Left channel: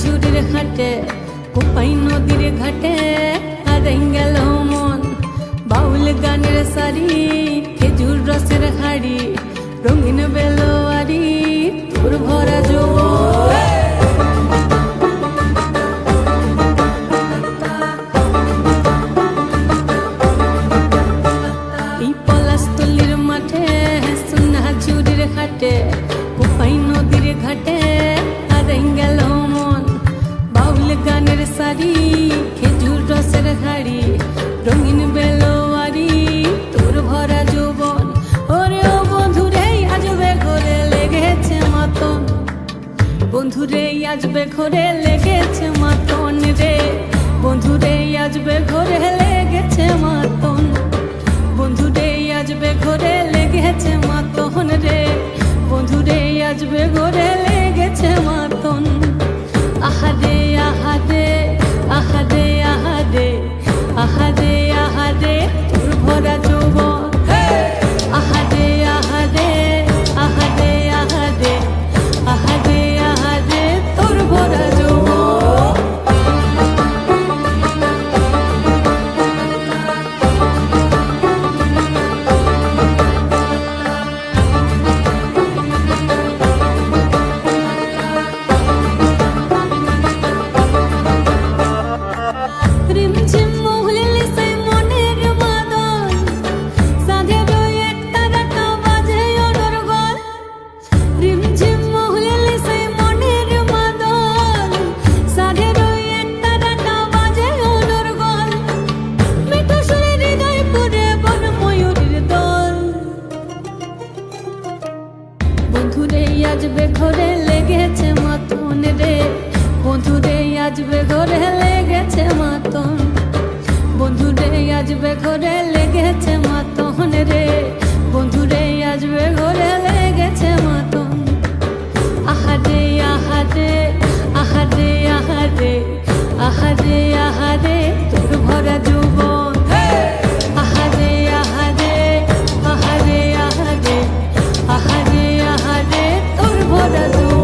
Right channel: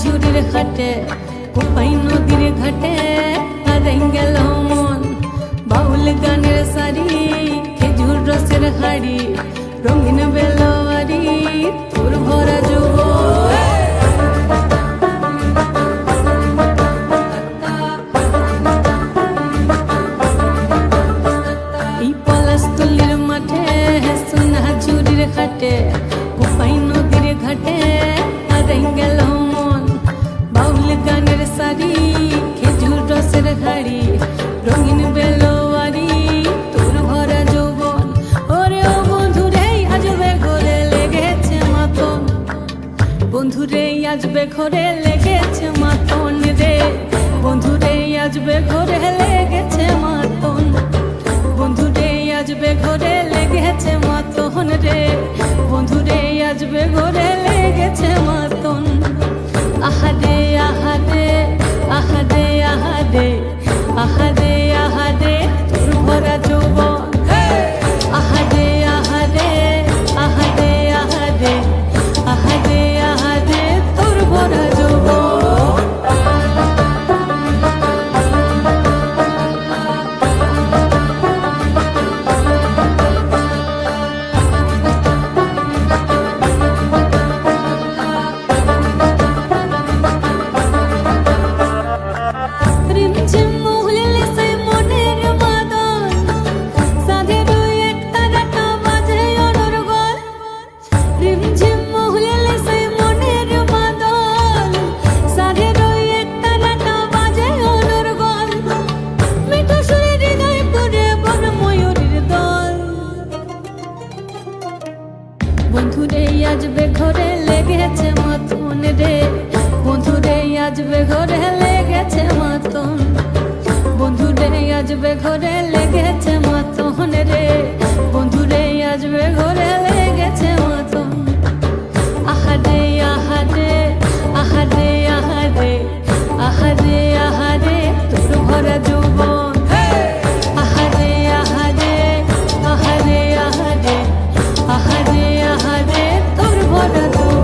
ঝুড়ির হাটে কোপাই নদীর ঘাটে হারাই গেল মন বাউল গানের সারি খেজুর রসের হাড়ি রঙিন বেলোয়ারি তোর ভরা যৌবন এই পলাশতলির মাঠে সোনা ঝুড়ির হাটে কোপাই নদীর ঘাটে হারাই গেল মন বাউল গানের সারি খেজুর রসের হাড়ি রঙিন বেলোয়ারি তোর ভরা যৌবন ওরে ও বন্ধুরে আজবে ঘরে লেগেছে মাতন বন্ধুরে আজবে ঘরে লেগেছে মাতন রে বন্ধুরে আজবে ঘরে লেগেছে মাতন বন্ধুরে আজবে ঘরে লেগেছে মাতন রে বন্ধুরে আজবে ঘরে লেগেছে মাতন আহারে আহারে আহারে আহারে আহারে আহারে তোর ভরা যৌবন আহারে আহারে আহারে আহারে আহারে আহারে তোর ভরা যৌবন রিমঝিম মহুলিলে সেই মনের মাদল সাধের এক তারাটা বাজে অনর্গল রিমঝিম মহুলিলে সেই মনের মাদল সাধের এক তারাটা বাজে অনর্গল মিঠো সুরে হৃদয় পুরে বন ময়ূরীর দল বন্ধুরে আজবে ঘরে লেগেছে মাতন রে বন্ধুরে আজবে ঘরে লেগেছে মাতন বন্ধুরে আজবে ঘরে লেগেছে মাতন রে বন্ধুরে আজবে ঘরে লেগেছে মাতন আহারে আহারে আহারে আহারে আহারে আহারে তোর ভরা যৌবন আহারে আহারে আহারে আহারে আহারে আহারে তোর ভরা যৌবন